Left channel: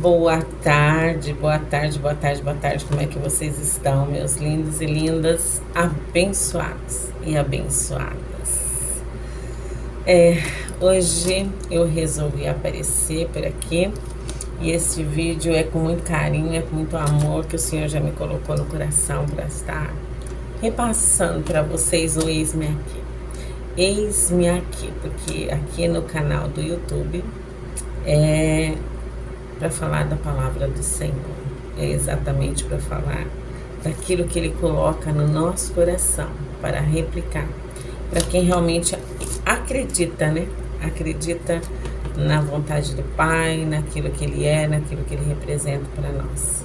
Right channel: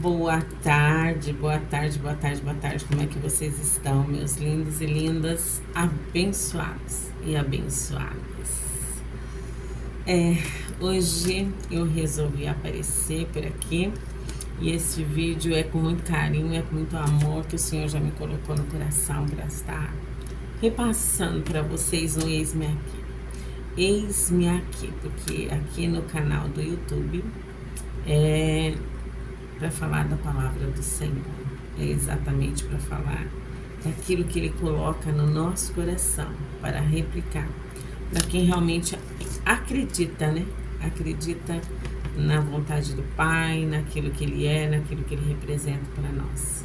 Boa tarde, boa tarde, boa tarde, boa tarde. Como é que vocês estão, meus lindos e lindas, abençoados e abençoadas? Hoje eu resolvi aparecer por aqui e esse vídeo é com muito carinho, é com muito amor que o Senhor já me colocou no coração para estar repassando para vocês o Eis-me Aqui. Eis-me aqui, porque aqui no canal do YouTube é para falar da palavra do Senhor, é exatamente para falar daquilo que Ele coloca no nosso coração, para replicar, para quem realmente acredita, né? Acredita na vontade do Pai, naquilo que Ele é, naquilo que Ele representa para nós.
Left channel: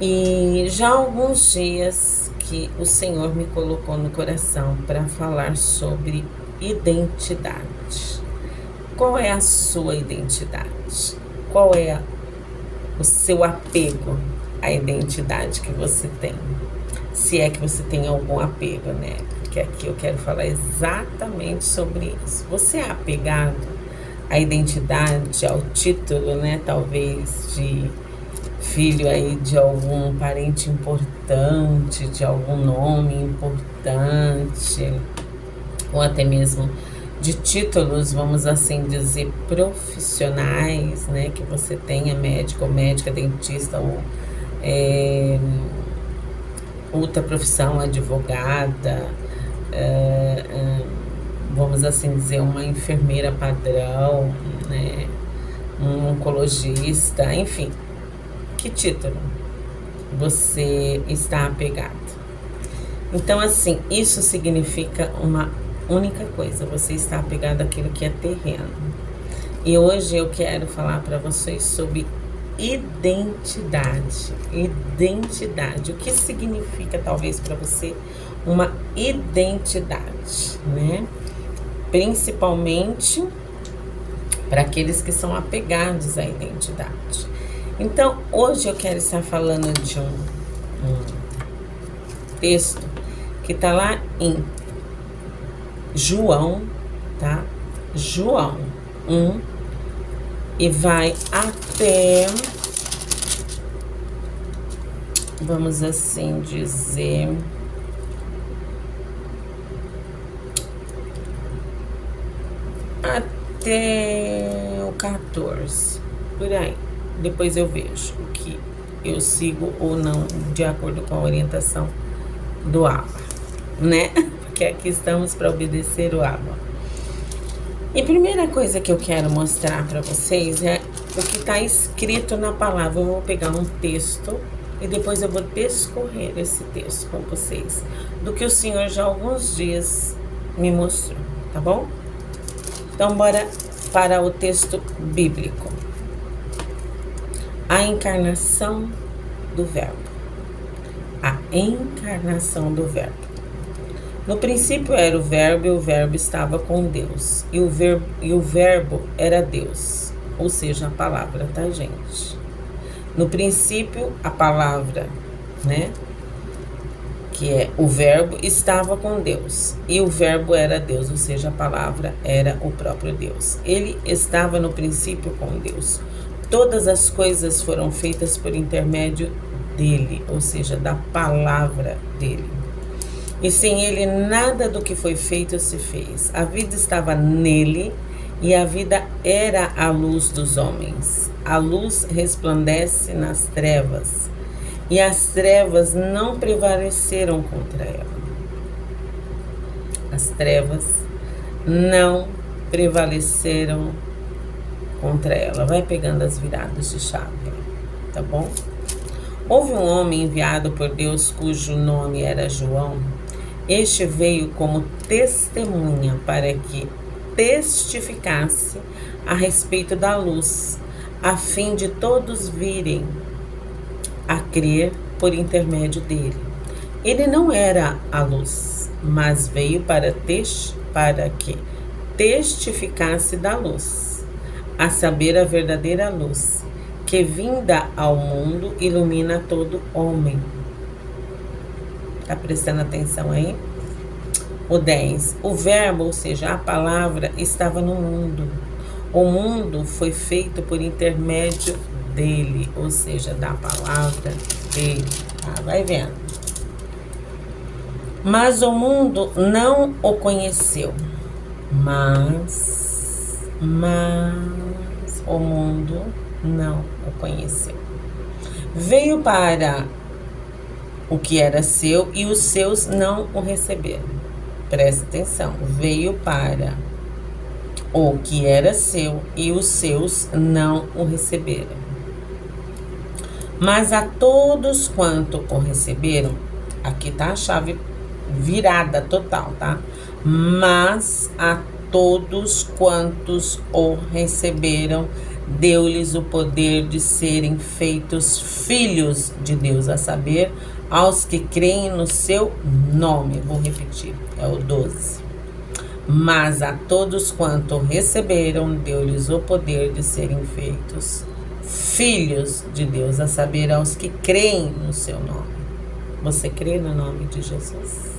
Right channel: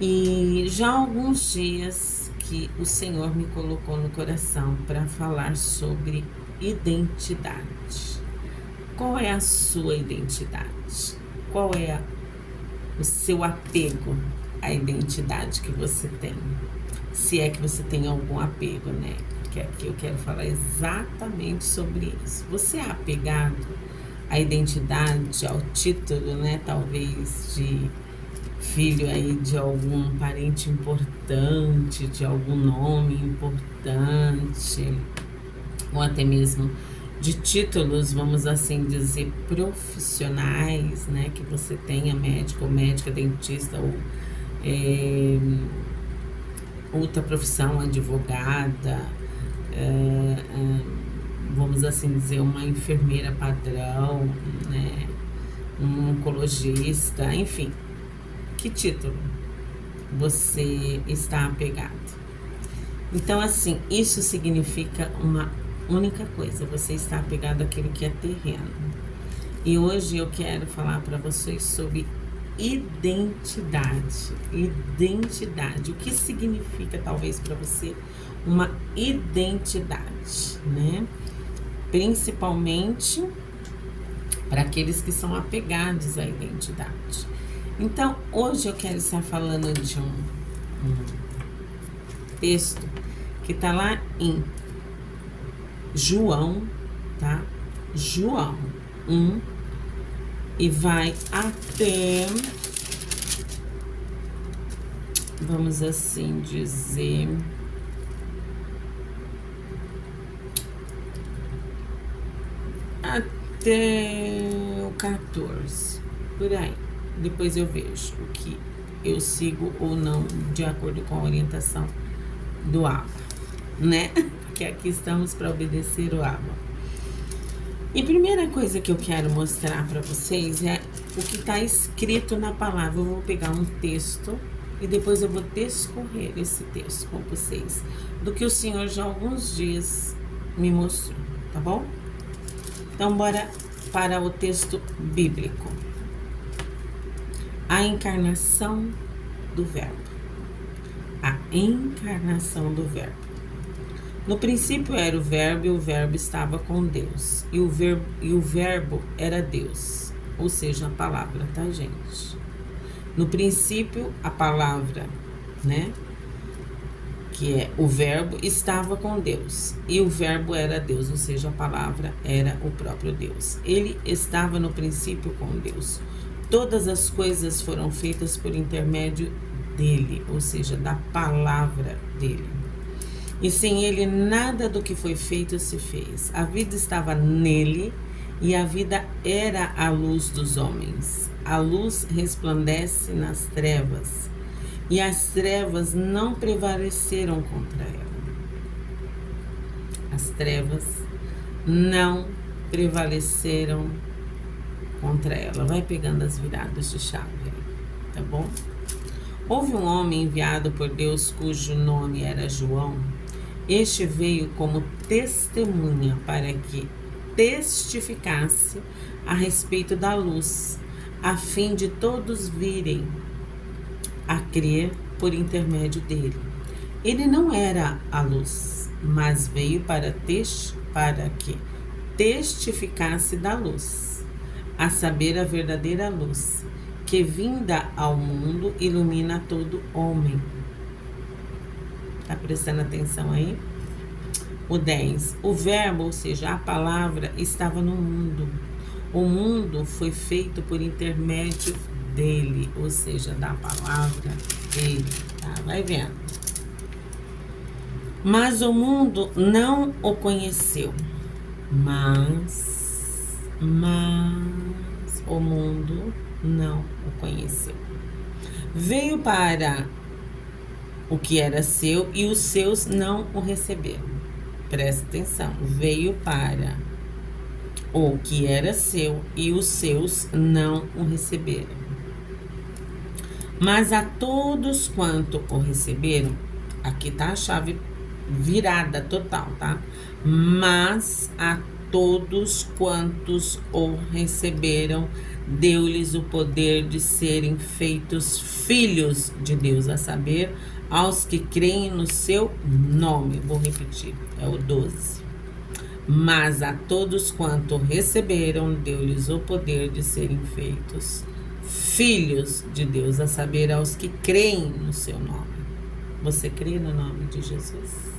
E já há alguns dias que o Senhor me colocou no coração para falar sobre identidade. Qual é a sua identidade? Qual é o seu apego à identidade que você tem? Se é que você tem algum apego, né? Porque aqui eu quero falar exatamente sobre isso. Você é apegado à identidade, ao título, né? Talvez de filho aí de algum parente importante, de algum nome importante, ou até mesmo de títulos, vamos assim dizer, profissionais, né, que você tenha, médico ou médica, dentista ou outra profissão, advogada, vamos assim dizer, uma enfermeira padrão, né, um oncologista, enfim, que título você está apegado? Então, assim, isso significa uma única coisa: você está apegado àquilo que é terreno. E hoje eu quero falar para vocês sobre identidade. Identidade. O que significa, talvez, para você uma identidade, né? Principalmente para aqueles que são apegados à identidade. Então, hoje eu quero estar falando de um texto que está lá em João, tá? João 1 e vai até, vamos assim dizer, até o 14, por aí. Depois eu vejo o que eu sigo ou não, de acordo com a orientação do Abba, né? Porque aqui estamos para obedecer o Abba. E a primeira coisa que eu quero mostrar para vocês é o que está escrito na palavra. Eu vou pegar um texto e depois eu vou discorrer esse texto com vocês, do que o Senhor já há alguns dias me mostrou, tá bom? Então, bora para o texto bíblico. A encarnação do Verbo. A encarnação do Verbo. No princípio era o Verbo, e o Verbo estava com Deus. E o Verbo era Deus. Ou seja, a palavra, tá, gente? No princípio, a palavra, né? Que é o Verbo, estava com Deus. E o Verbo era Deus, ou seja, a palavra era o próprio Deus. Ele estava no princípio com Deus. Todas as coisas foram feitas por intermédio dele, ou seja, da palavra dele. E sem ele, nada do que foi feito se fez. A vida estava nele e a vida era a luz dos homens. A luz resplandece nas trevas e as trevas não prevaleceram contra ela. As trevas não prevaleceram contra ela. Vai pegando as viradas de chave, tá bom? Houve um homem enviado por Deus cujo nome era João. Este veio como testemunha para que testificasse a respeito da luz, a fim de todos virem a crer por intermédio dele. Ele não era a luz, mas veio para que testificasse da luz, a saber, a verdadeira luz, que vinda ao mundo ilumina todo homem. Tá prestando atenção aí? O 10. O Verbo, ou seja, a palavra, estava no mundo. O mundo foi feito por intermédio dele, ou seja, da palavra dele, tá? Vai vendo. Mas o mundo não o conheceu. Mas o mundo não o conheceu. Veio para o que era seu e os seus não o receberam. Presta atenção. Veio para o que era seu e os seus não o receberam. Mas a todos quanto o receberam, aqui tá a chave virada total, tá? Mas a todos quantos o receberam, deu-lhes o poder de serem feitos filhos de Deus, a saber, aos que creem no seu nome. Vou repetir, é o 12. Mas a todos quanto receberam, deu-lhes o poder de serem feitos filhos de Deus, a saber, aos que creem no seu nome. Você crê no nome de Jesus?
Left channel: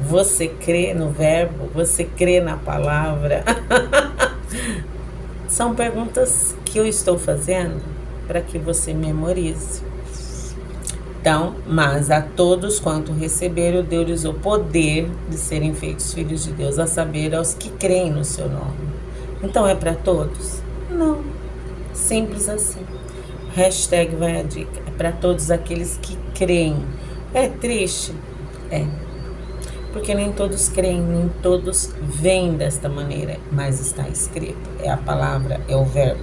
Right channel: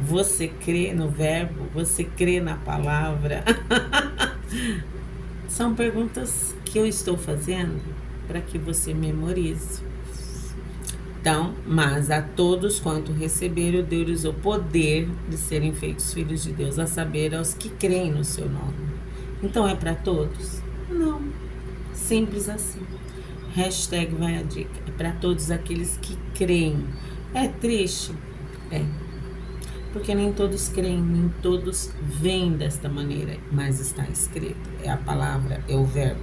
Você crê no verbo? Você crê na palavra? São perguntas que eu estou fazendo para que você memorize. Então, mas a todos quanto receberam, deu-lhes o poder de serem feitos filhos de Deus, a saber, aos que creem no seu nome. Então, é para todos? Não. Simples assim. Hashtag vai a dica. É para todos aqueles que creem. É triste? É. Porque nem todos creem, nem todos veem desta maneira, mas está escrito, é a palavra, é o verbo.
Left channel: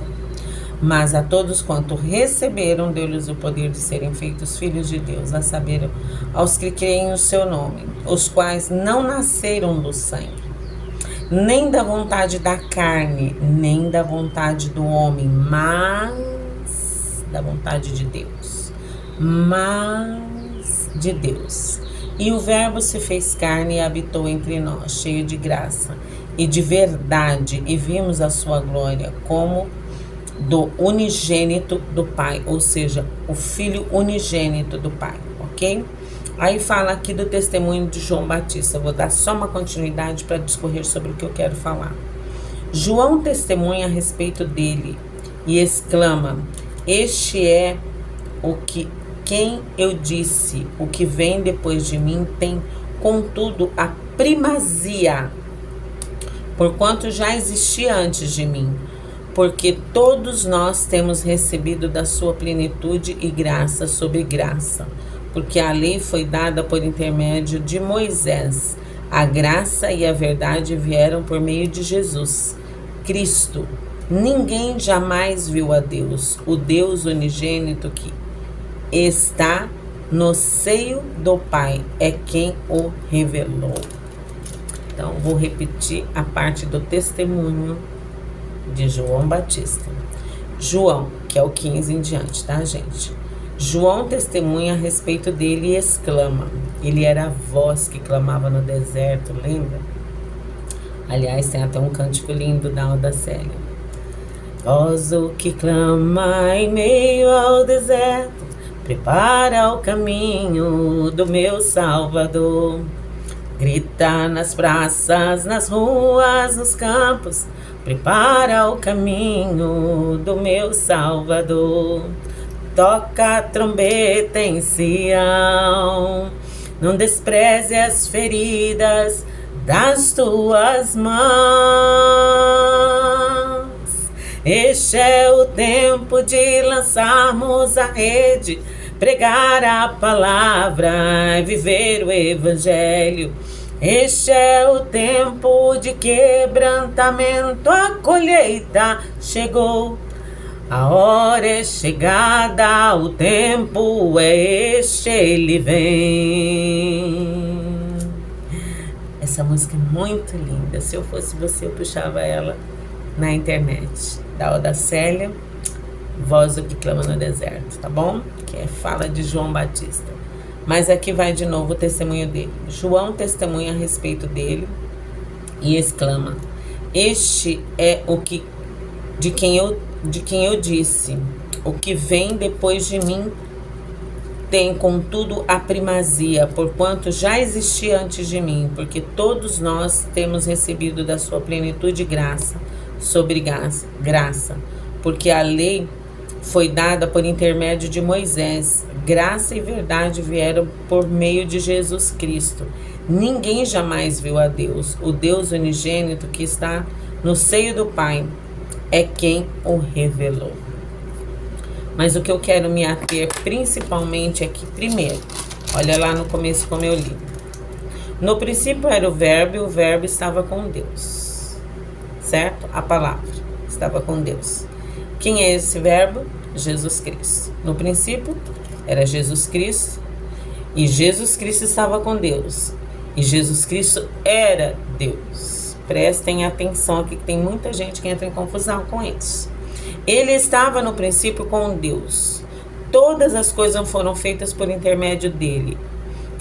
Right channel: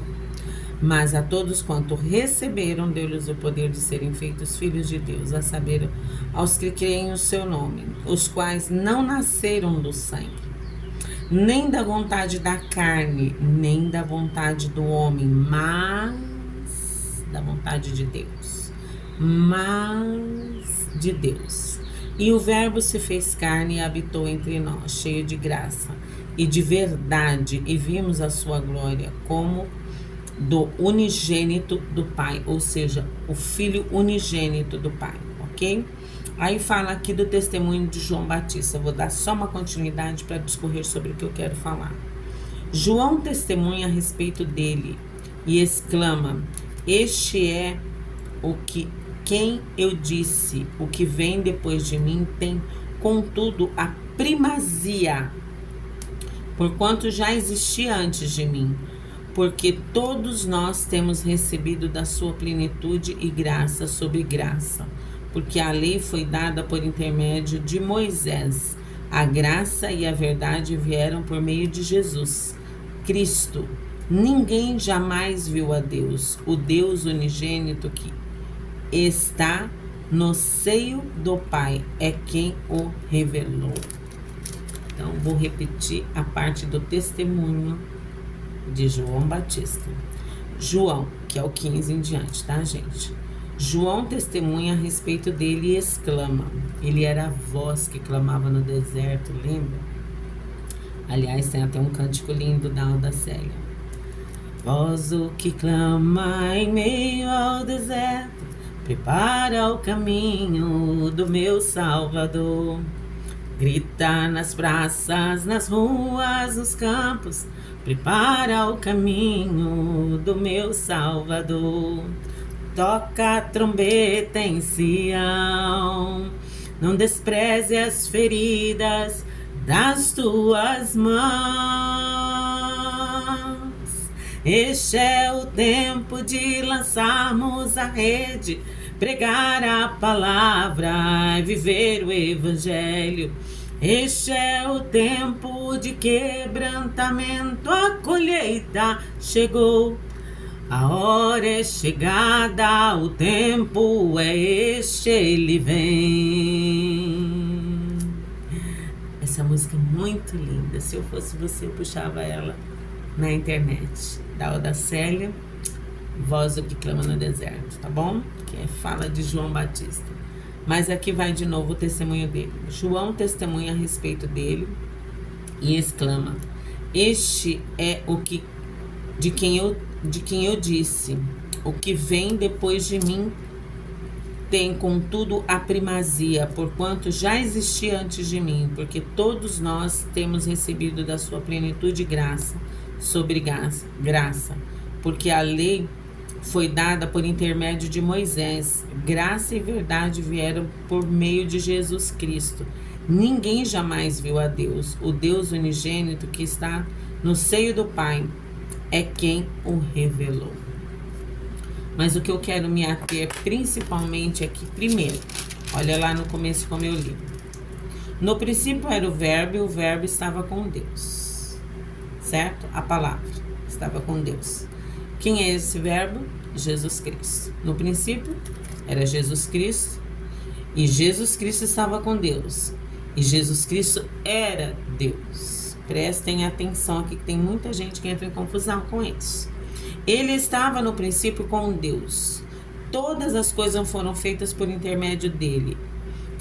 Mas a todos quanto receberam, deu-lhes o poder de serem feitos filhos de Deus, a saber, aos que creem no seu nome, os quais não nasceram do sangue, nem da vontade da carne, nem da vontade do homem, mas da vontade de Deus, mas de Deus. E o verbo se fez carne e habitou entre nós, cheio de graça e de verdade, e vimos a sua glória como do unigênito do Pai, ou seja, o Filho unigênito do Pai, ok? Aí fala aqui do testemunho de João Batista. Eu vou dar só uma continuidade para discorrer sobre o que eu quero falar. João testemunha a respeito dele e exclama: este é o que quem eu disse, o que vem depois de mim tem, contudo, a primazia, porquanto já existia antes de mim, porque todos nós temos recebido da sua plenitude e graça sobre graça, porque a lei foi dada por intermédio de Moisés, a graça e a verdade vieram por meio de Jesus Cristo. Ninguém jamais viu a Deus, o Deus unigênito que está no seio do Pai, é quem o revelou. Então, vou repetir a parte do testemunho de João Batista. João, que é o 15 em diante, tá, gente? João testemunha a respeito dele e exclama. Ele era a voz que clamava no deserto, lembra? Aliás, tem até um cântico lindo da Alda Célia. Voz o que clama em meio ao deserto, prepara o caminho do meu Salvador. Grita nas praças, nas ruas, nos campos, prepara o caminho do meu Salvador. Toca a trombeta em Sião, não despreze as feridas das tuas mãos. Este é o tempo de lançarmos a rede, pregar a palavra e viver o evangelho. Este é o tempo de quebrantamento, a colheita chegou. A hora é chegada, o tempo é este, ele vem. Essa música é muito linda. Se eu fosse você, eu puxava ela na internet. Da Alda Célia, Voz do que clama no deserto, tá bom? Que fala de João Batista. Mas aqui vai de novo o testemunho dele. João testemunha a respeito dele e exclama: este é o que de quem eu disse, o que vem depois de mim tem, contudo, a primazia, porquanto já existia antes de mim, porque todos nós temos recebido da sua plenitude graça sobre graça, porque a lei foi dada por intermédio de Moisés. Graça e verdade vieram por meio de Jesus Cristo. Ninguém jamais viu a Deus. O Deus unigênito que está no seio do Pai é quem o revelou. Mas o que eu quero me ater principalmente é que, primeiro, olha lá no começo como eu li. No princípio era o Verbo e o Verbo estava com Deus. Certo? A palavra estava com Deus. Quem é esse Verbo? Jesus Cristo. No princípio era Jesus Cristo e Jesus Cristo estava com Deus. E Jesus Cristo era Deus. Prestem atenção aqui que tem muita gente que entra em confusão com isso. Ele estava no princípio com Deus. Todas as coisas foram feitas por intermédio dele.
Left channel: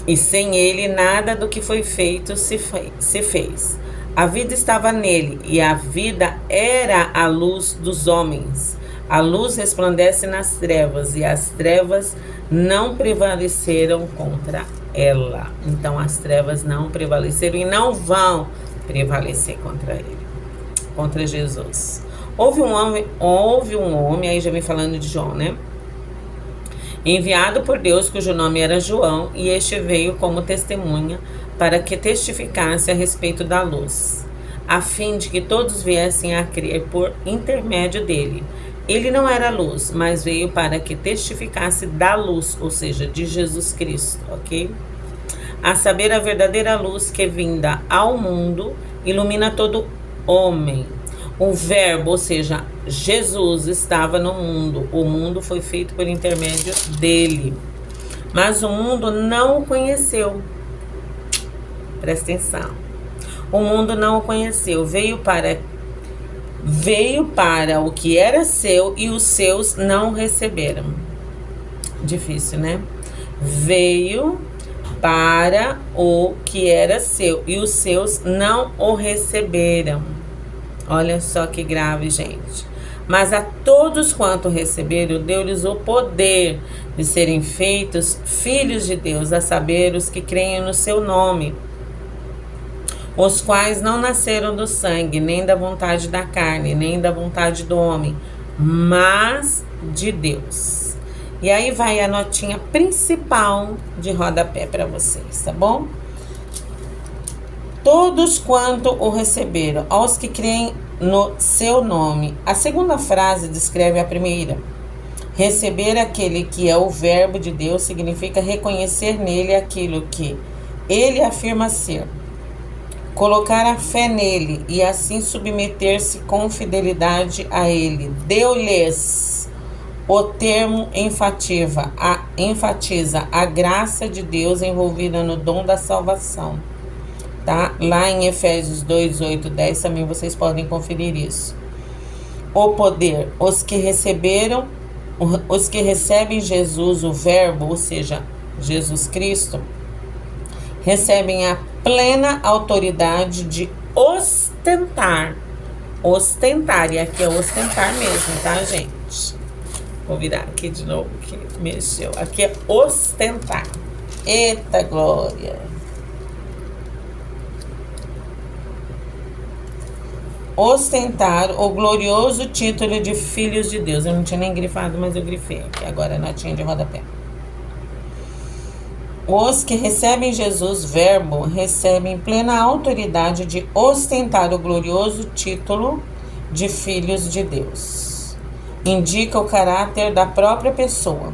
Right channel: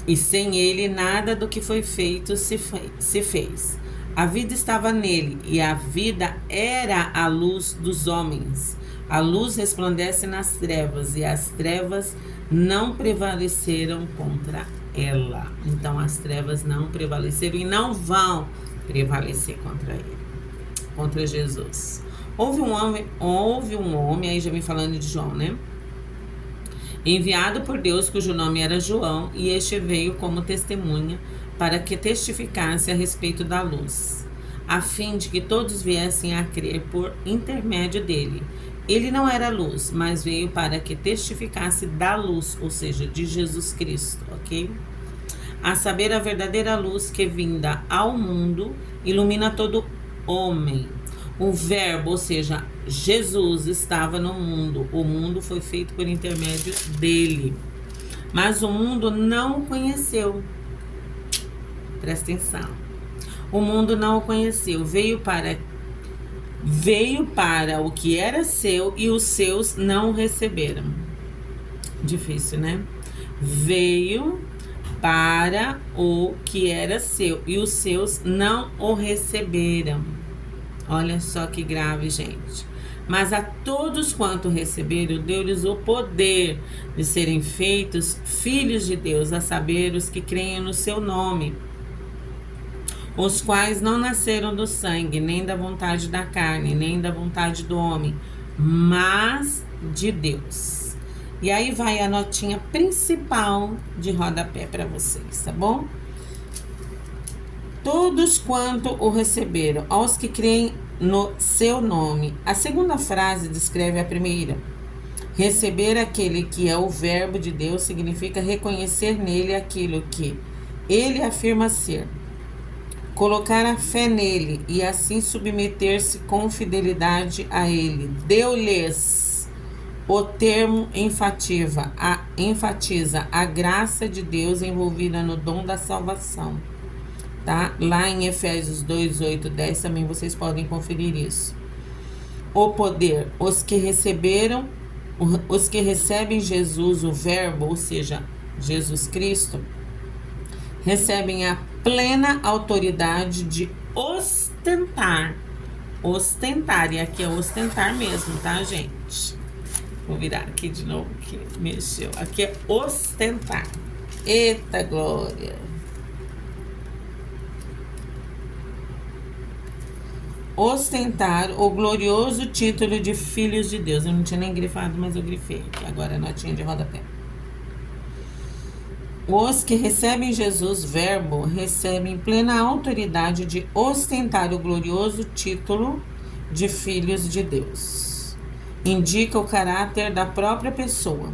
E sem ele, nada do que foi feito se fez. A vida estava nele, e a vida era a luz dos homens. A luz resplandece nas trevas, e as trevas não prevaleceram contra ela. Então, as trevas não prevaleceram e não vão prevalecer contra ele, contra Jesus. Houve um homem, aí já vem falando de João, né? Enviado por Deus, cujo nome era João, e este veio como testemunha para que testificasse a respeito da luz, a fim de que todos viessem a crer por intermédio dele. Ele não era luz, mas veio para que testificasse da luz, ou seja, de Jesus Cristo, ok? A saber, a verdadeira luz que vinda ao mundo ilumina todo homem. O Verbo, ou seja, Jesus estava no mundo. O mundo foi feito por intermédio dele. Mas o mundo não o conheceu. Presta atenção. O mundo não o conheceu. Veio para o que era seu e os seus não o receberam. Difícil, né? Veio para o que era seu e os seus não o receberam. Olha só que grave, gente. Mas a todos quanto receberam, deu-lhes o poder de serem feitos filhos de Deus, a saber, os que creem no seu nome, os quais não nasceram do sangue, nem da vontade da carne, nem da vontade do homem, mas de Deus. E aí vai a notinha principal de rodapé para vocês, tá bom? Todos quanto o receberam, aos que creem no seu nome. A segunda frase descreve a primeira. Receber aquele que é o Verbo de Deus significa reconhecer nele aquilo que ele afirma ser. Colocar a fé nele e assim submeter-se com fidelidade a ele. Deu-lhes. O termo enfatiza a graça de Deus envolvida no dom da salvação. Tá? Lá em Efésios 2, 8, 10 também vocês podem conferir isso. O poder, os que recebem Jesus, o Verbo, ou seja, Jesus Cristo, recebem a plena autoridade de ostentar. Ostentar, e aqui é ostentar mesmo, tá, gente? Vou virar aqui de novo, que mexeu. Aqui é ostentar. Eita glória! Ostentar o glorioso título de filhos de Deus. Eu não tinha nem grifado, mas eu grifei aqui. Agora a notinha de rodapé. Os que recebem Jesus, Verbo, recebem plena autoridade de ostentar o glorioso título de filhos de Deus. Indica o caráter da própria pessoa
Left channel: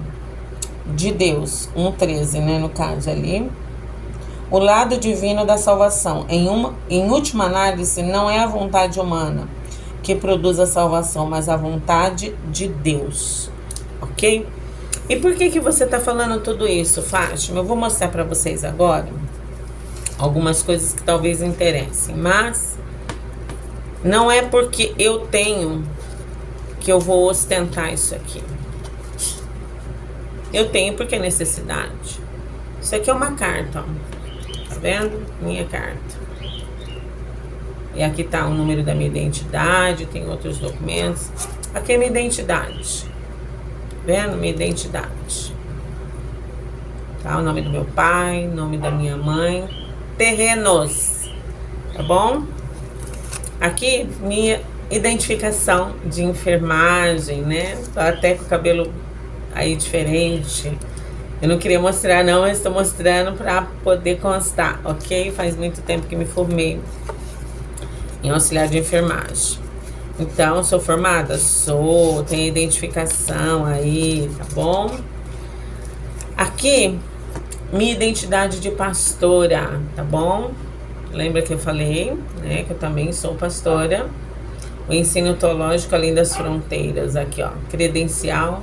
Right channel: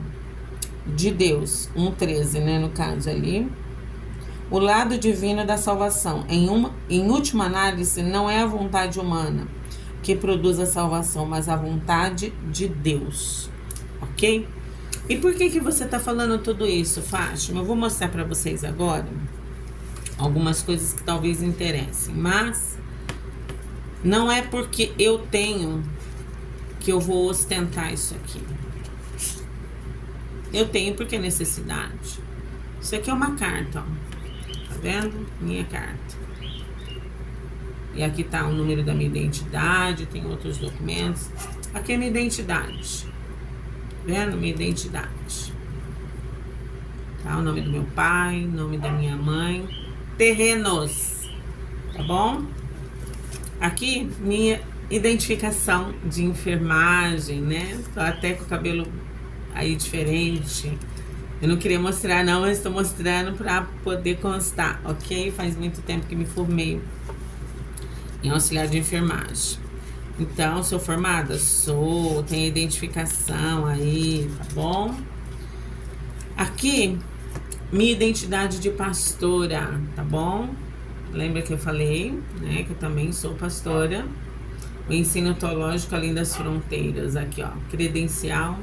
de Deus. 1,13, né, no caso ali. O lado divino da salvação. Em última análise, não é a vontade humana que produz a salvação, mas a vontade de Deus. Ok? E por que você está falando tudo isso, Fátima? Eu vou mostrar para vocês agora algumas coisas que talvez interessem. Mas não é porque eu tenho que eu vou ostentar isso aqui. Eu tenho porque é necessidade. Isso aqui é uma carta, ó. Tá vendo? Minha carta. E aqui tá o número da minha identidade, tem outros documentos. Aqui é minha identidade. Tá vendo? Minha identidade. Tá? O nome do meu pai, nome da minha mãe. Terrenos. Tá bom? Aqui, minha identificação de enfermagem, né? Tô até com o cabelo aí diferente. Eu não queria mostrar não, mas estou mostrando para poder constar, ok? Faz muito tempo que me formei em auxiliar de enfermagem. Então, sou formada? Sou, tenho identificação aí, tá bom? Aqui, minha identidade de pastora, tá bom? Lembra que eu falei, né, que eu também sou pastora. O ensino teológico além das fronteiras, aqui ó, credencial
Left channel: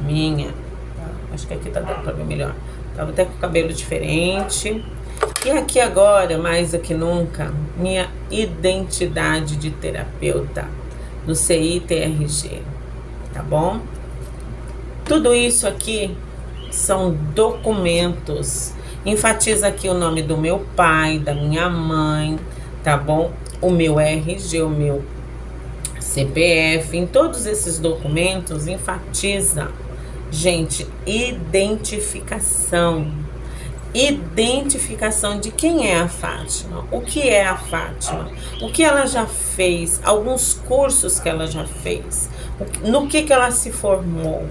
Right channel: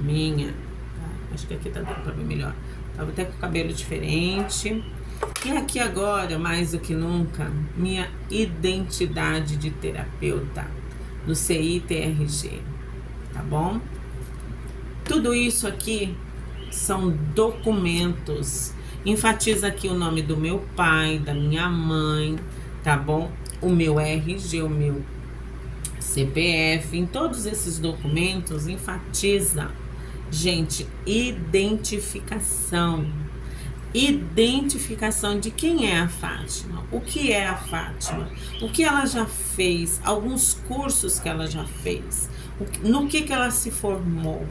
minha, tá? Acho que aqui tá dando pra ver melhor. Tava até com o cabelo diferente. E aqui agora, mais do que nunca, minha identidade de terapeuta no CITRG, tá bom? Tudo isso aqui são documentos. Enfatiza aqui o nome do meu pai, da minha mãe, tá bom? O meu RG, o meu CPF. Em todos esses documentos, enfatiza, gente, identificação. Identificação de quem é a Fátima, o que é a Fátima, o que ela já fez, alguns cursos que ela já fez, no que ela se formou.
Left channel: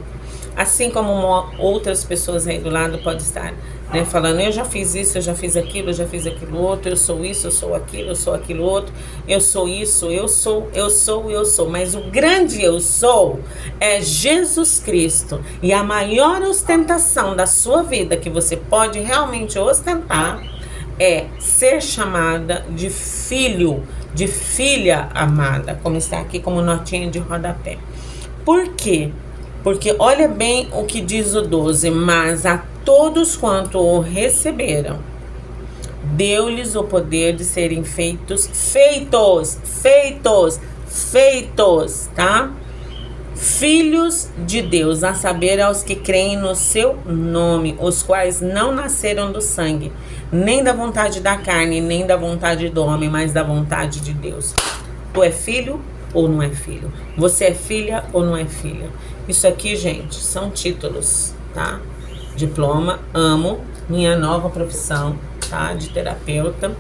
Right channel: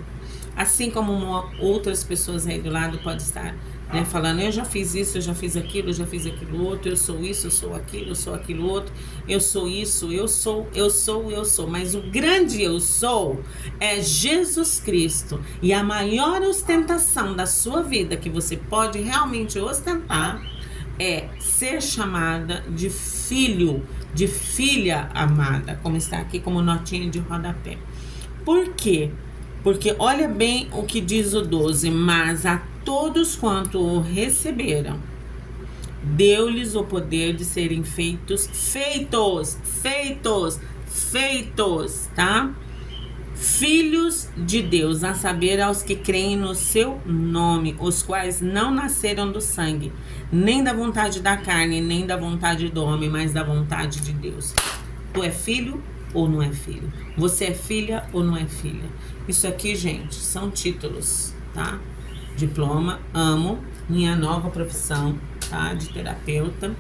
Assim como outras pessoas aí do lado podem estar, né, falando, eu já fiz isso, eu já fiz aquilo outro, eu sou isso, eu sou aquilo outro, eu sou isso, eu sou. Mas o grande eu sou é Jesus Cristo. E a maior ostentação da sua vida que você pode realmente ostentar é ser chamada de filho, de filha amada, como está aqui como notinha de rodapé. Por quê? Porque olha bem o que diz o 12, mas a todos quanto o receberam, deu-lhes o poder de serem feitos, tá? Filhos de Deus, a saber, aos que creem no seu nome, os quais não nasceram do sangue, nem da vontade da carne, nem da vontade do homem, mas da vontade de Deus. Tu é filho ou não é filho? Você é filha ou não é filha? Isso aqui, gente, são títulos, tá? Diploma, amo, minha nova profissão, tá? De terapeuta,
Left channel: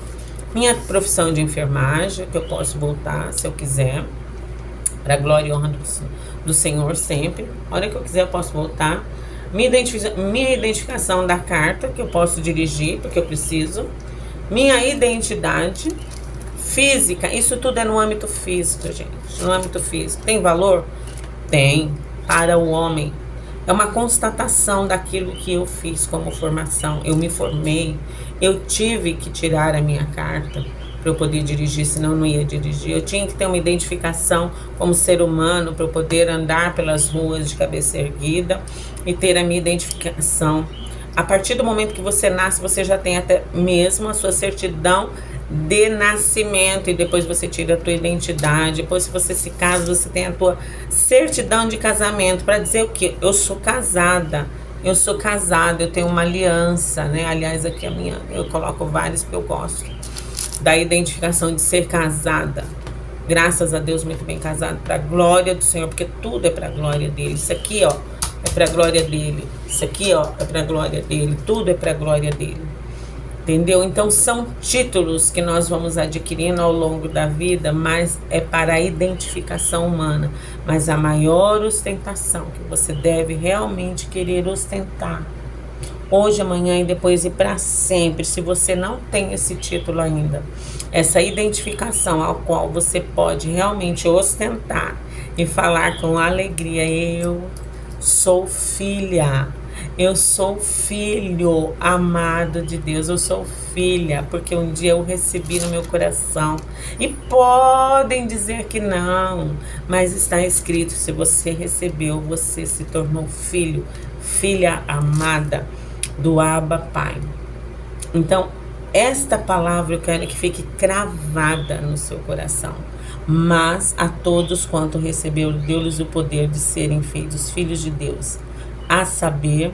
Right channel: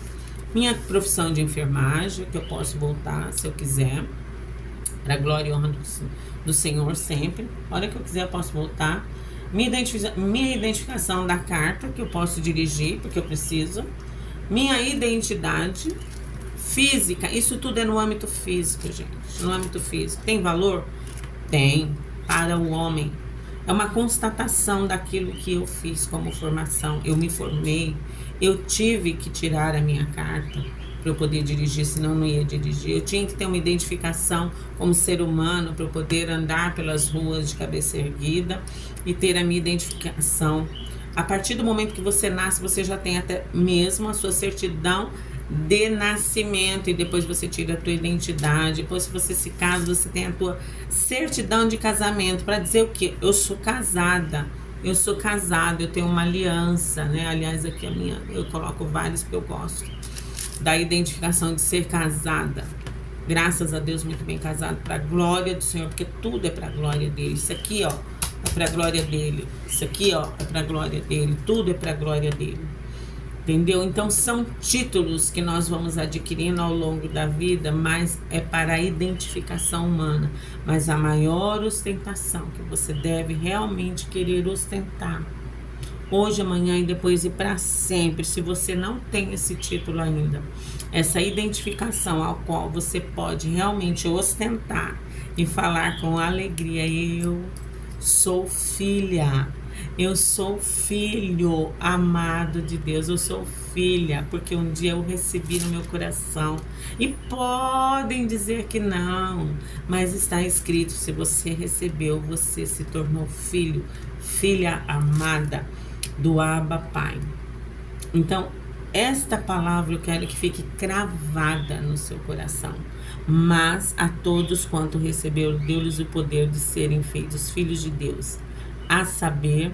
minha profissão de enfermagem, que eu posso voltar se eu quiser, para glória e honra do Senhor sempre. A hora que eu quiser eu posso voltar. Minha identificação da carta, que eu posso dirigir, porque eu preciso. Minha identidade física, isso tudo é no âmbito físico, gente. No âmbito físico. Tem valor? Tem. Para o homem. É uma constatação daquilo que eu fiz como formação. Eu me formei. Eu tive que tirar a minha carta para eu poder dirigir, senão eu não ia dirigir. Eu tinha que ter uma identificação como ser humano para eu poder andar pelas ruas de cabeça erguida e ter a minha identificação. A partir do momento que você nasce, você já tem até mesmo a sua certidão de nascimento, e depois você tira a tua identidade. Depois, se você se casa, você tem a tua certidão de casamento para dizer o quê? Eu sou casada, eu tenho uma aliança, né? Aliás, aqui a minha, eu coloco vários porque eu gosto da identificação de ser casada. Graças a Deus, muito bem casado, para a glória do Senhor, porque tudo é para a glória dele. Isso aqui, ó, é para a glória dele. Isso aqui, ó, é para a glória dele. Tudo é para a glória dele. Entendeu? Então, são títulos que nós vamos adquirindo ao longo da vida, mas é para a identificação humana. Mas a maior ostentação que você deve realmente querer ostentar, hoje, amanhã e depois e para sempre, se você não tem esse título ainda, essa identificação ao qual você pode realmente ostentar e falar com alegria, eu sou filha. Eu sou filho amado de Deus, eu sou filha, porque um dia eu recebi no meu coração. E podem dizer que não, mas está escrito, se você recebeu, você se tornou filho, filha amada do Abba Pai. Então, esta palavra eu quero que fique cravada no seu coração. Mas a todos quanto recebeu, deu-lhes o poder de serem feitos filhos de Deus. A saber,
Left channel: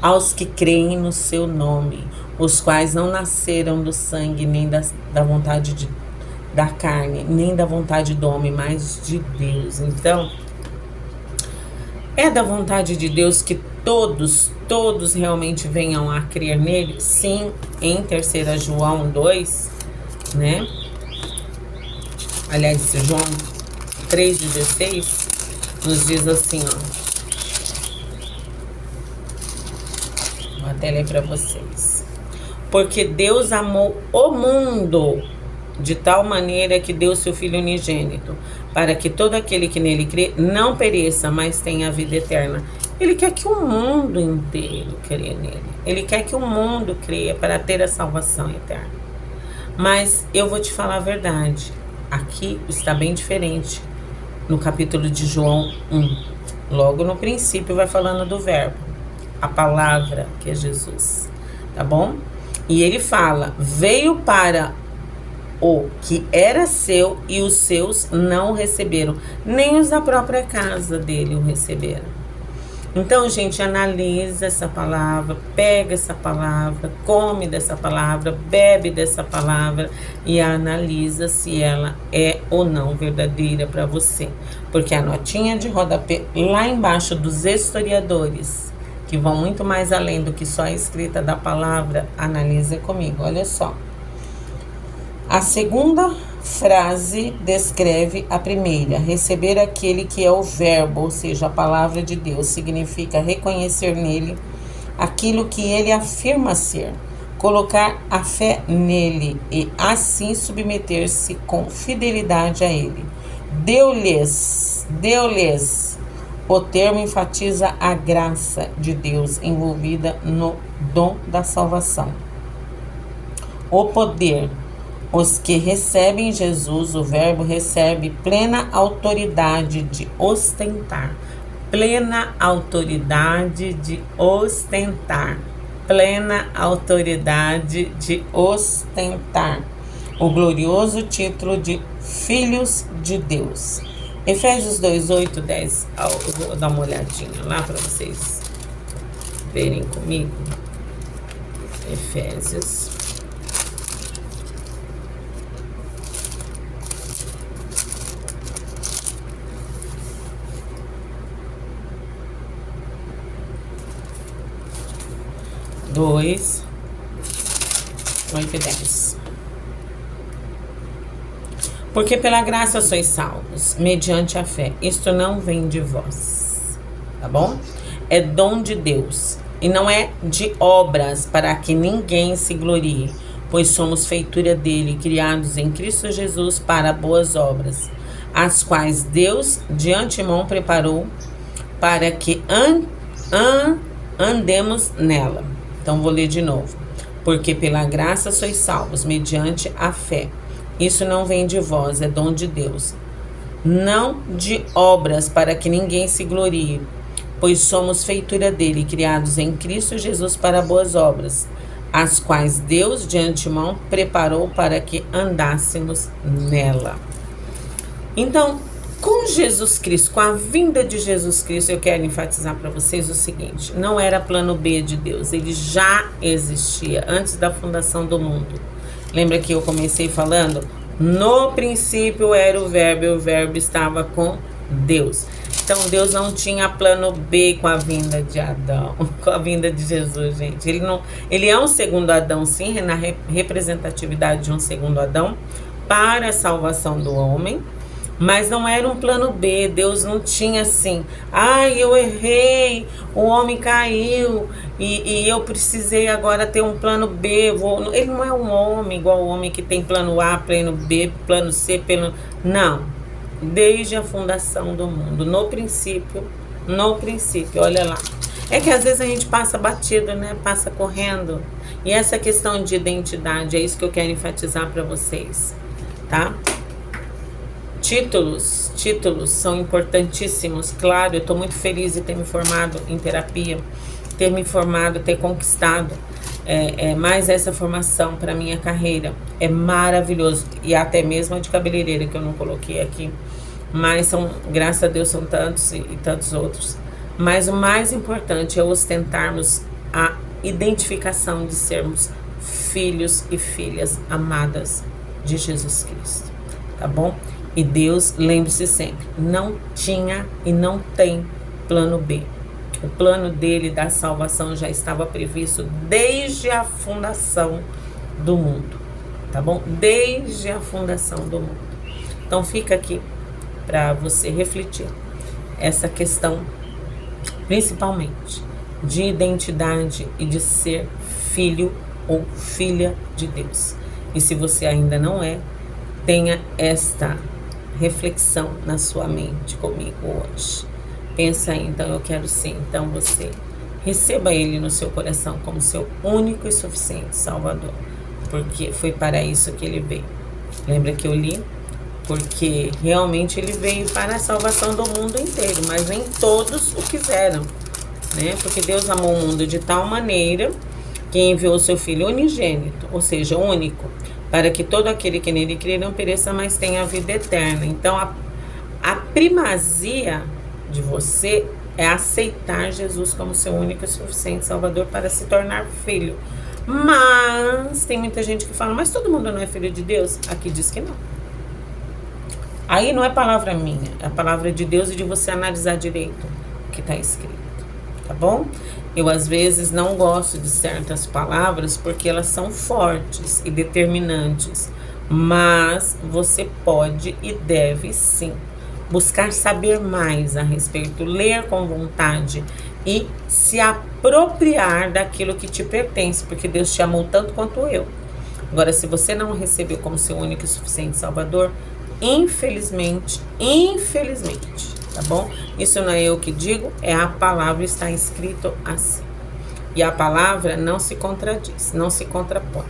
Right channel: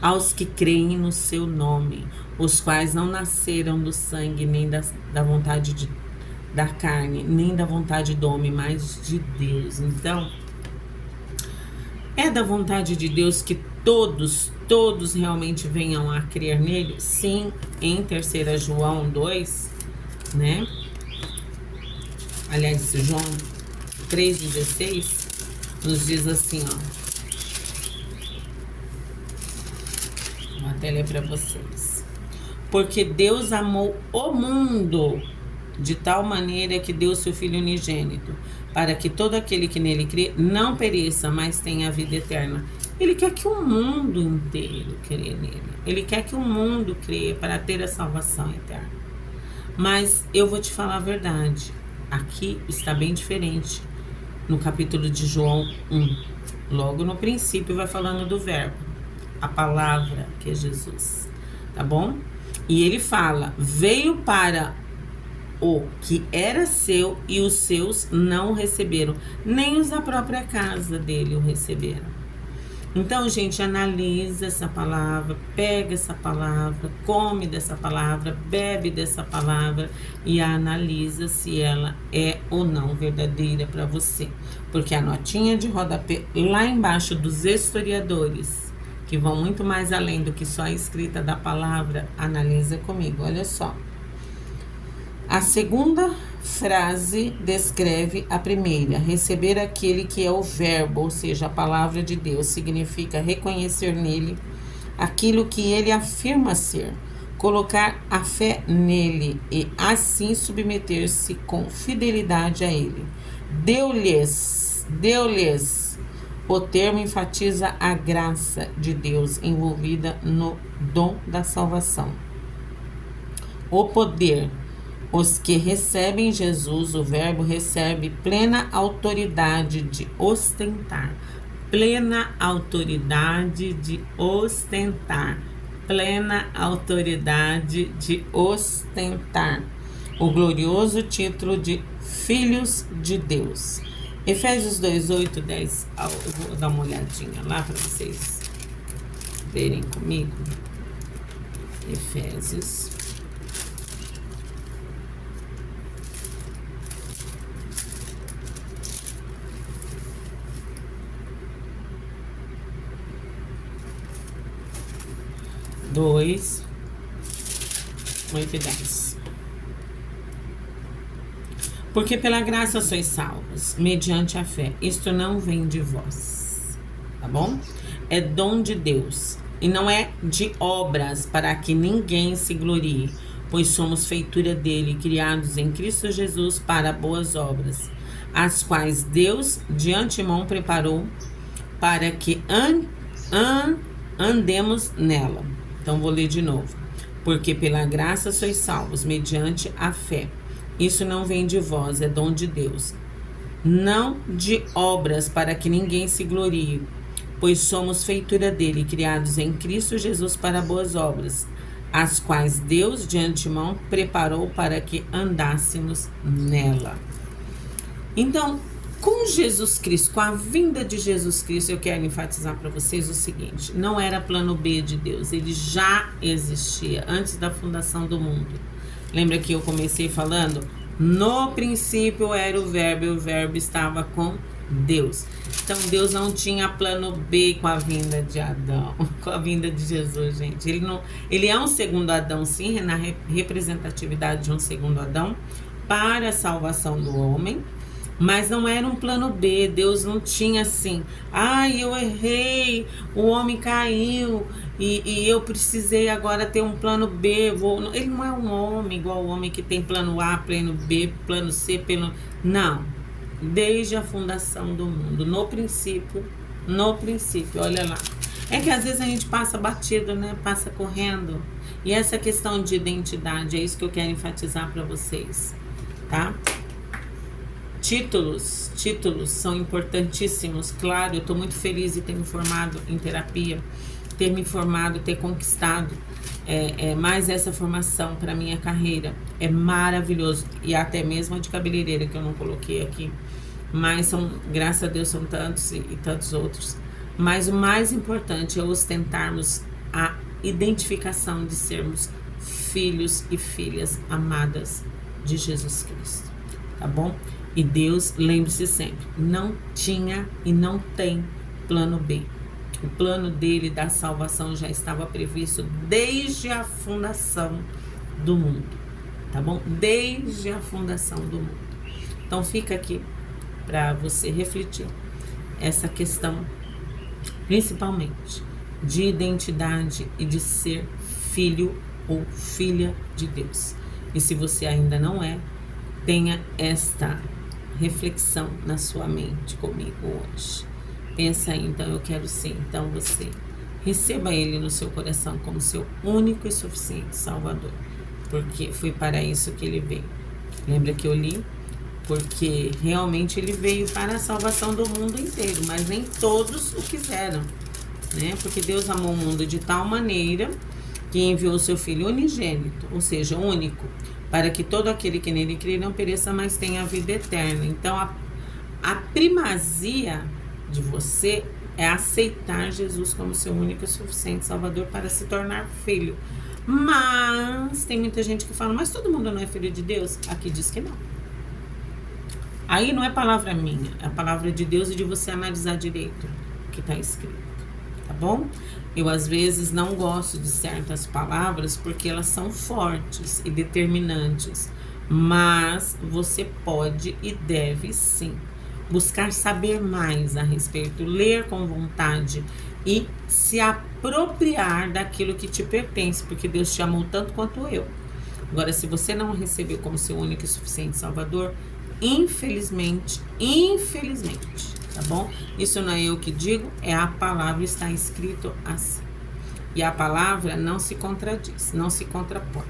aos que creem no seu nome, os quais não nasceram do sangue, nem da vontade da carne, nem da vontade do homem, mas de Deus. Então, é da vontade de Deus que todos realmente venham a crer nele? Sim, em 3 João 2, né? aliás, João 3,16, nos diz assim, ó. Vou até ler para vocês. Porque Deus amou o mundo de tal maneira que deu seu Filho unigênito, para que todo aquele que nele crê não pereça, mas tenha a vida eterna. Ele quer que o mundo inteiro creia nele. Ele quer que o mundo creia para ter a salvação eterna. Mas eu vou te falar a verdade. Aqui está bem diferente. No capítulo de João 1. Logo no princípio vai falando do verbo. A palavra que é Jesus. Tá bom? E ele fala, veio para o que era seu e os seus não o receberam. Nem os da própria casa dele o receberam. Então, gente, analisa essa palavra, pega essa palavra, come dessa palavra, bebe dessa palavra e analisa se ela é ou não verdadeira para você. Porque a notinha de rodapé lá embaixo dos historiadores, que vão muito mais além do que só a escrita da palavra, analisa comigo, olha só. A segunda frase descreve a primeira. Receber aquele que é o verbo, ou seja, a palavra de Deus, significa reconhecer nele aquilo que ele afirma ser, colocar a fé nele e assim submeter-se com fidelidade a ele. Deu-lhes. O termo enfatiza a graça de Deus envolvida no dom da salvação. O poder. Os que recebem Jesus, o verbo recebe plena autoridade de ostentar. Plena autoridade de ostentar. Plena autoridade de ostentar. O glorioso título de filhos de Deus. Efésios 2, 8, 10. Eu vou dar uma olhadinha lá para vocês verem comigo. Efésios. Dois, 8 e 10. Porque pela graça sois salvos, mediante a fé. Isto não vem de vós, tá bom? É dom de Deus, e não é de obras, para que ninguém se glorie, pois somos feitura dele, criados em Cristo Jesus para boas obras, as quais Deus de antemão preparou para que andemos nela. Então, vou ler de novo. Porque pela graça sois salvos, mediante a fé. Isso não vem de vós, é dom de Deus. Não de obras, para que ninguém se glorie, pois somos feitura dele, criados em Cristo Jesus para boas obras, as quais Deus de antemão preparou para que andássemos nela. Então, com Jesus Cristo, com a vinda de Jesus Cristo, eu quero enfatizar para vocês o seguinte: não era plano B de Deus, ele já existia antes da fundação do mundo. Lembra que eu comecei falando? No princípio era o verbo, e o verbo estava com Deus. Então Deus não tinha plano B com a vinda de Adão, com a vinda de Jesus, gente. Ele é um segundo Adão, sim, na representatividade de um segundo Adão para a salvação do homem. Mas não era um plano B. Deus não tinha assim, eu errei, o homem caiu e eu precisei agora ter um plano B. Ele não é um homem igual o homem que tem plano A, plano B, plano C, plano... Não, desde a fundação do mundo, no princípio, olha lá. É que às vezes a gente passa batido, né? Passa correndo. E essa questão de identidade, é isso que eu quero enfatizar para vocês, tá? Títulos são importantíssimos, claro. Eu estou muito feliz de ter me formado em terapia, ter conquistado mais essa formação para minha carreira. É maravilhoso. E até mesmo a de cabeleireira, que eu não coloquei aqui. Mas graças a Deus, são tantos e tantos outros. Mas o mais importante é ostentarmos a identificação de sermos filhos e filhas amadas de Jesus Cristo, tá bom? E Deus, lembre-se sempre, não tinha e não tem plano B. O plano dele da salvação já estava previsto desde a fundação do mundo, tá bom? Desde a fundação do mundo. Então fica aqui para você refletir essa questão, principalmente de identidade e de ser filho ou filha de Deus. E se você ainda não é, tenha esta reflexão na sua mente comigo hoje. Pensa aí, então eu quero ser, então você receba Ele no seu coração como seu único e suficiente Salvador, porque foi para isso que Ele veio. Lembra que eu li? Porque realmente Ele veio para a salvação do mundo inteiro, mas nem todos o quiseram, né? Porque Deus amou o mundo de tal maneira que enviou o seu Filho unigênito, ou seja, único, para que todo aquele que nele crê não pereça, mas tenha a vida eterna. Então, a primazia de você é aceitar Jesus como seu único e suficiente Salvador para se tornar filho. Mas tem muita gente que fala, mas todo mundo não é filho de Deus? Aqui diz que não. Aí não é palavra minha, é a palavra de Deus e de você analisar direito o que está escrito, tá bom? Eu às vezes não gosto de certas palavras porque elas são fortes e determinantes, mas você pode e deve sim buscar saber mais a respeito, ler com vontade e se apropriar daquilo que te pertence, porque Deus te amou tanto quanto eu. Agora, se você não recebeu como seu único e suficiente Salvador, infelizmente, tá bom? Isso não é eu que digo, é a palavra, está escrito assim. E a palavra não se contradiz, não se contrapõe,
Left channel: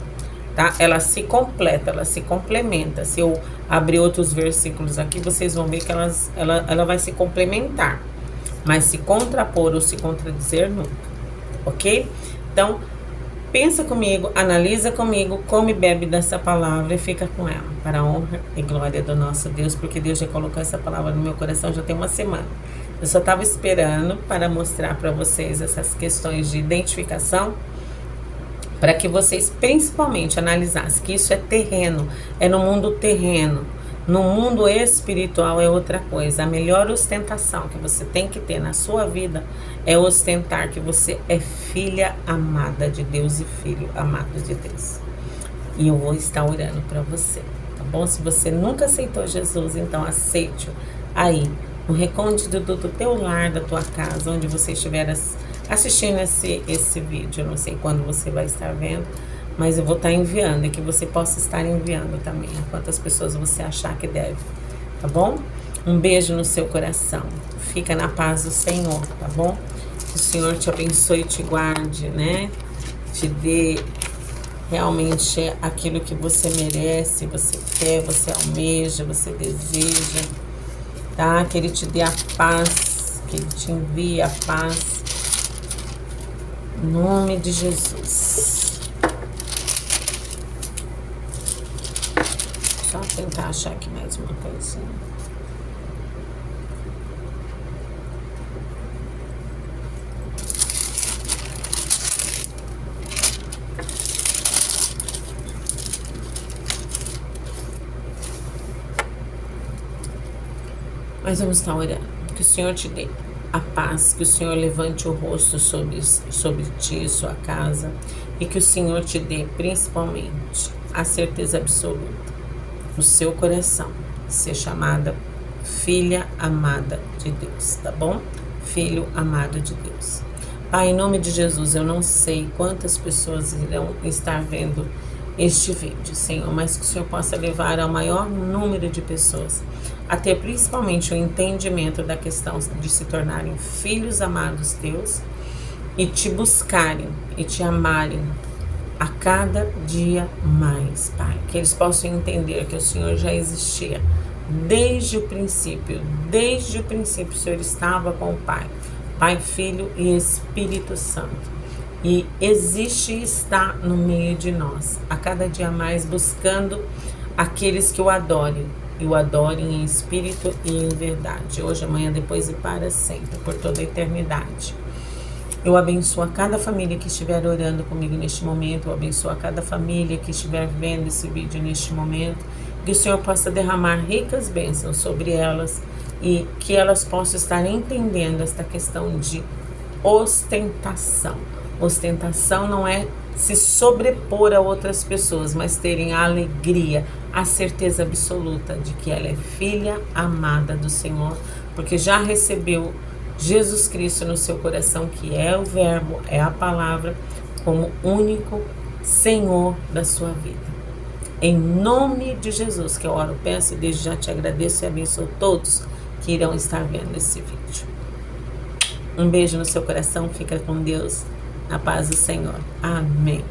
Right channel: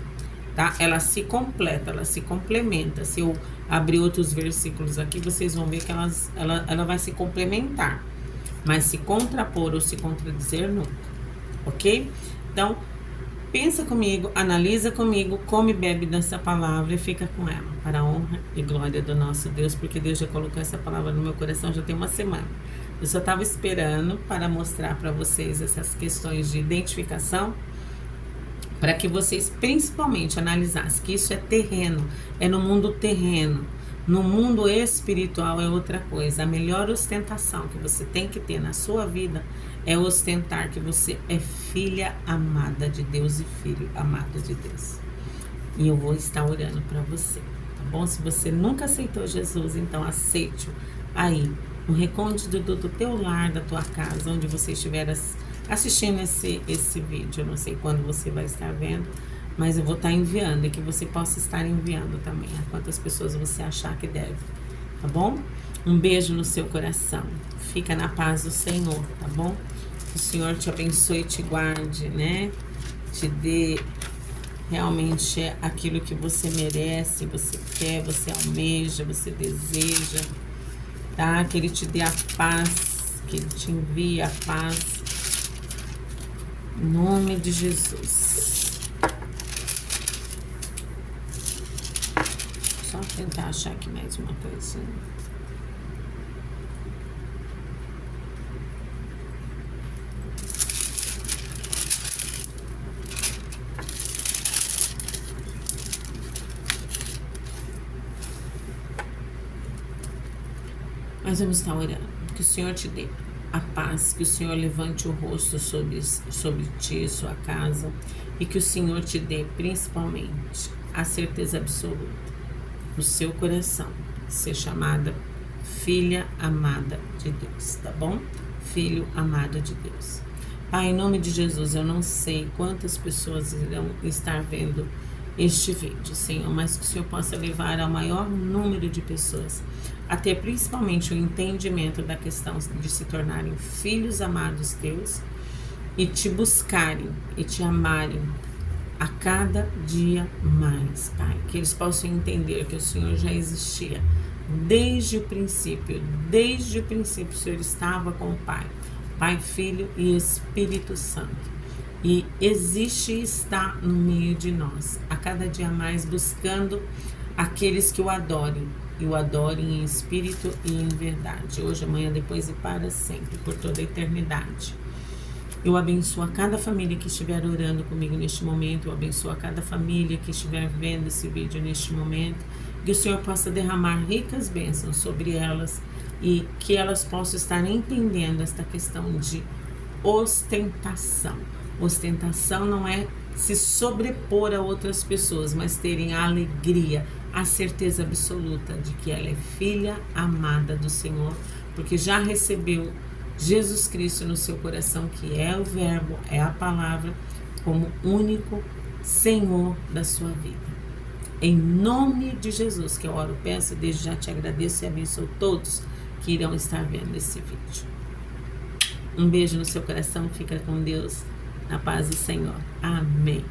tá? Ela se completa, ela se complementa. Se eu abrir outros versículos aqui, vocês vão ver que ela vai se complementar, mas se contrapor ou se contradizer nunca, ok? Então, pensa comigo, analisa comigo, come e bebe dessa palavra e fica com ela, para a honra e glória do nosso Deus, porque Deus já colocou essa palavra no meu coração já tem uma semana. Eu só estava esperando para mostrar para vocês essas questões de identificação, para que vocês principalmente analisassem que isso é terreno, é no mundo terreno. No mundo espiritual é outra coisa. A melhor ostentação que você tem que ter na sua vida é ostentar que você é filha amada de Deus e filho amado de Deus. E eu vou estar orando para você, tá bom? Se você nunca aceitou Jesus, então aceite-o aí, no recôndito do teu lar, da tua casa, onde você estiver assistindo esse vídeo. Eu não sei quando você vai estar vendo, mas eu vou estar enviando e que você possa estar enviando também a quantas pessoas você achar que deve, tá bom? Um beijo no seu coração. Fica na paz do Senhor, tá bom? Que o Senhor te abençoe e te guarde, né? Te dê realmente aquilo que você merece, você quer, você almeja, você deseja, tá? Que Ele te dê a paz, que Ele te envie a paz. Em nome de Jesus. Só tentar achar aqui mais uma coisa. Mas vamos estar orando. Que o Senhor te dê a paz, que o Senhor levante o rosto sobre ti e sua casa, e que o Senhor te dê principalmente a certeza absoluta no seu coração, ser chamada filha amada de Deus, tá bom? Filho amado de Deus. Pai, em nome de Jesus, eu não sei quantas pessoas irão estar vendo este vídeo, Senhor, mas que o Senhor possa levar ao maior número de pessoas a ter principalmente o entendimento da questão de se tornarem filhos amados teus e te buscarem e te amarem a cada dia mais, Pai. Que eles possam entender que o Senhor já existia desde o princípio. Desde o princípio o Senhor estava com o Pai, Pai, Filho e Espírito Santo. E existe e está no meio de nós, a cada dia mais, buscando aqueles que o adorem, e o adorem em espírito e em verdade, hoje, amanhã, depois e para sempre, por toda a eternidade. Eu abençoo a cada família que estiver orando comigo neste momento, eu abençoo a cada família que estiver vendo esse vídeo neste momento, que o Senhor possa derramar ricas bênçãos sobre elas e que elas possam estar entendendo esta questão de ostentação. Ostentação não é se sobrepor a outras pessoas, mas terem a alegria, a certeza absoluta de que ela é filha amada do Senhor, porque já recebeu Jesus Cristo no seu coração, que é o Verbo, é a palavra, como único Senhor da sua vida. Em nome de Jesus, que eu oro, peço e desde já te agradeço e abençoo todos que irão estar vendo esse vídeo. Um beijo no seu coração, fica com Deus, na paz do Senhor. Amém.